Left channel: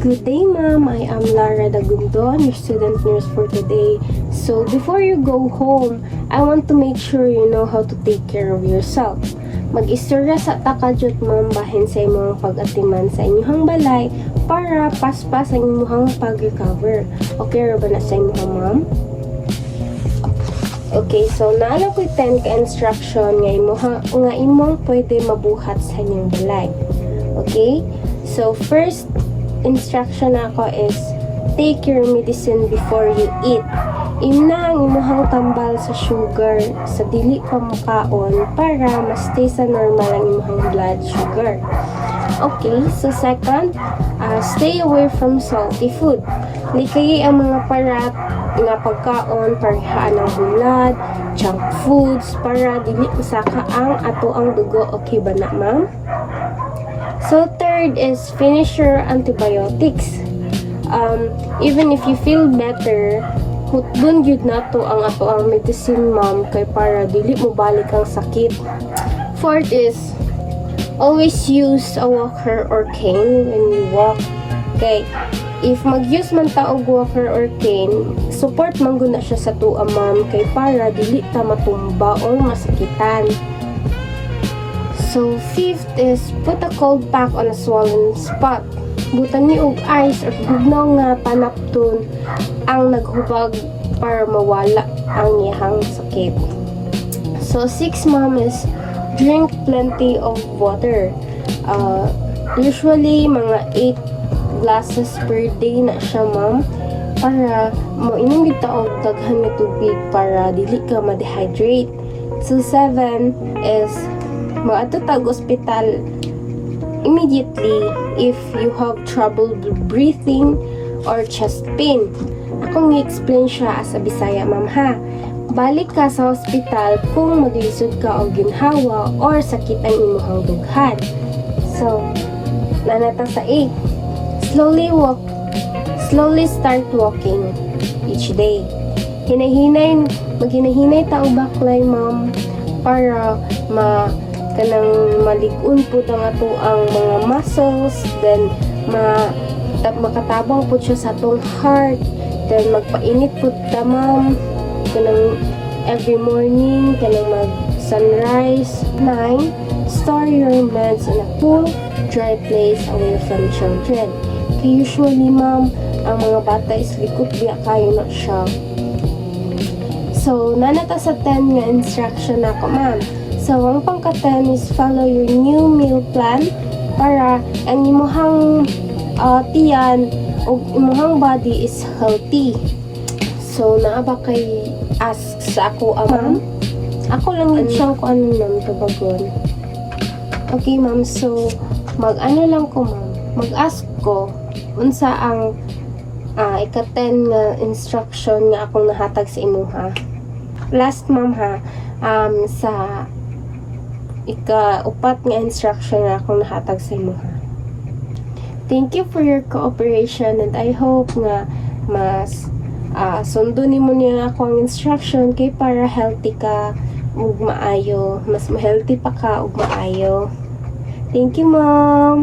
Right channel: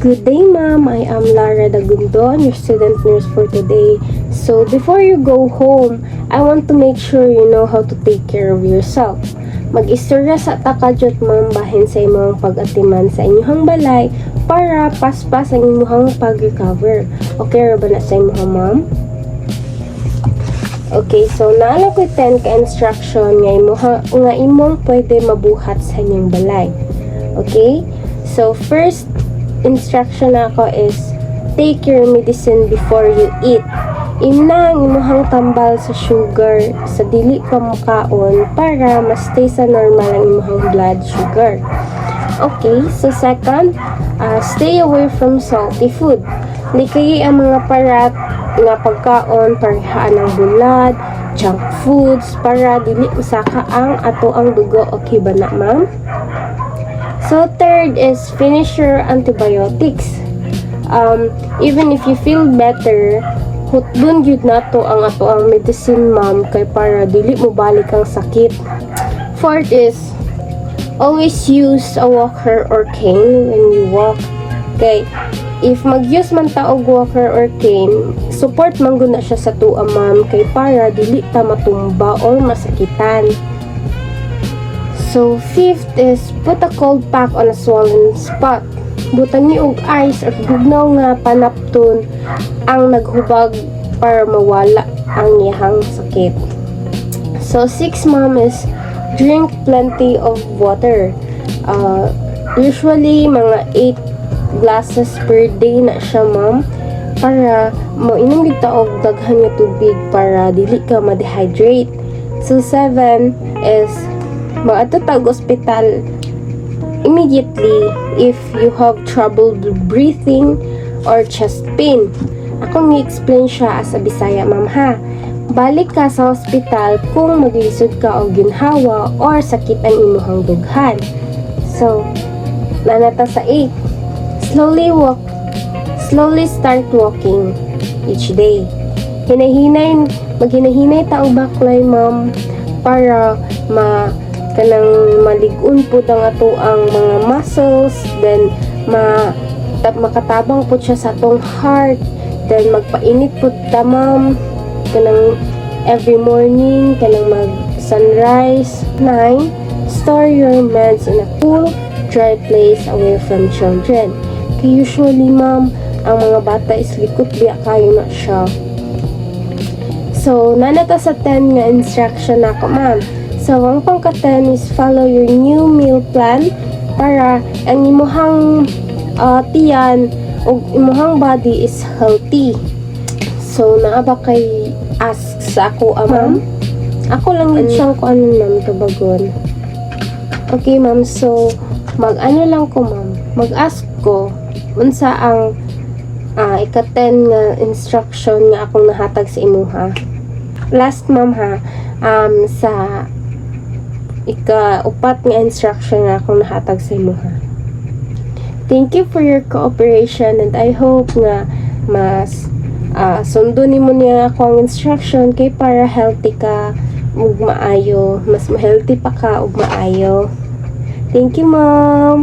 Good day, ma'am. I am Lara Dagundon, your student nurse for today. So, before you go home, I want to make sure you know how to take care of yourself. Mag-istorya sa takajot, ma'am, bahin sa imong pag-atiman sa inyong balay para paspas ang inyong pag-recover. Okay ra ba na sa inyong, ma'am? Okay, so naalang ko 10 ka instruction nga imong pwede mabuhat sa inyong balay. Okay? So, first instruction ako is take your medicine before you eat. Inang imuhang tambal sa sugar sa dili pa mukaon para ma-stay sa normal ang imuhang blood sugar. Okay, so second, stay away from salty food. Hindi kayo ang mga parat nga pagkaon, parihaan ng bulad, junk foods, para dili usaka ang ato ang dugo. Okay ba na, ma'am? So third is finish your antibiotics. Even if you feel better, hutdon gyud nato ang ato ang medicine, ma'am, kay para dili mo balik ang sakit. Fourth is always use a walker or cane when you walk. Okay, if mag-use man ta og walker or cane, support man gud na siya sa tua, ma'am, kay para dili ta matumba or masakitan. So, fifth is put a cold pack on a swollen spot. Butan ni og ice at bugnaw nga panapton ang naghubag para mawala ang iyang sakit. So, sixth, ma'am, is drink plenty of water. Usually, mga 8 glasses per day na siya, ma'am, para mo inom kita og daghan nga tubig para dili ka ma-dehydrate. So, 7 is maatutag ospital immediately if you have trouble breathing or chest pain. Akong i-explain siya sa Bisaya, ma'am, ha. Balik ka sa ospital kung maglisod ka og ginhawa or sakit ang imuhang dughan. So, nanata sa 8. Slowly start walking each day. Maghinahinay ta og baklay, ma'am, para kanang maligun po ang ato ang mga muscles, then makatabang po siya sa atong heart, then magpainit po ta, ma'am, kanang every morning, kanang mag sunrise. 9, store your meds in a cool, dry place away from children. Usually, ma'am, ang mga bata is likot biya kayo na siya. So, nanata sa 10 nga instruction ako, ma'am. So, ang pangka-10 is follow your new meal plan para ang imuhang tiyan o imuhang body is healthy. So, naa ba kay ask sa ako, ma'am? Ako lang yun siyang ko ano, ma'am, kabagon. Okay, ma'am. So, mag-ano lang ko, ma'am. Mag-ask ko unsa ang ika-10 nga instruction nga akong nahatag sa imuha. Last, ma'am, ha, sa ika-upat nga instruction na akong nahatag sa imo, ha. Thank you for your cooperation and I hope nga mas sundo nimo niya ako ang instruction kay para healthy ka ug maayo, mas healthy pa ka ug maayo. Thank you, ma'am.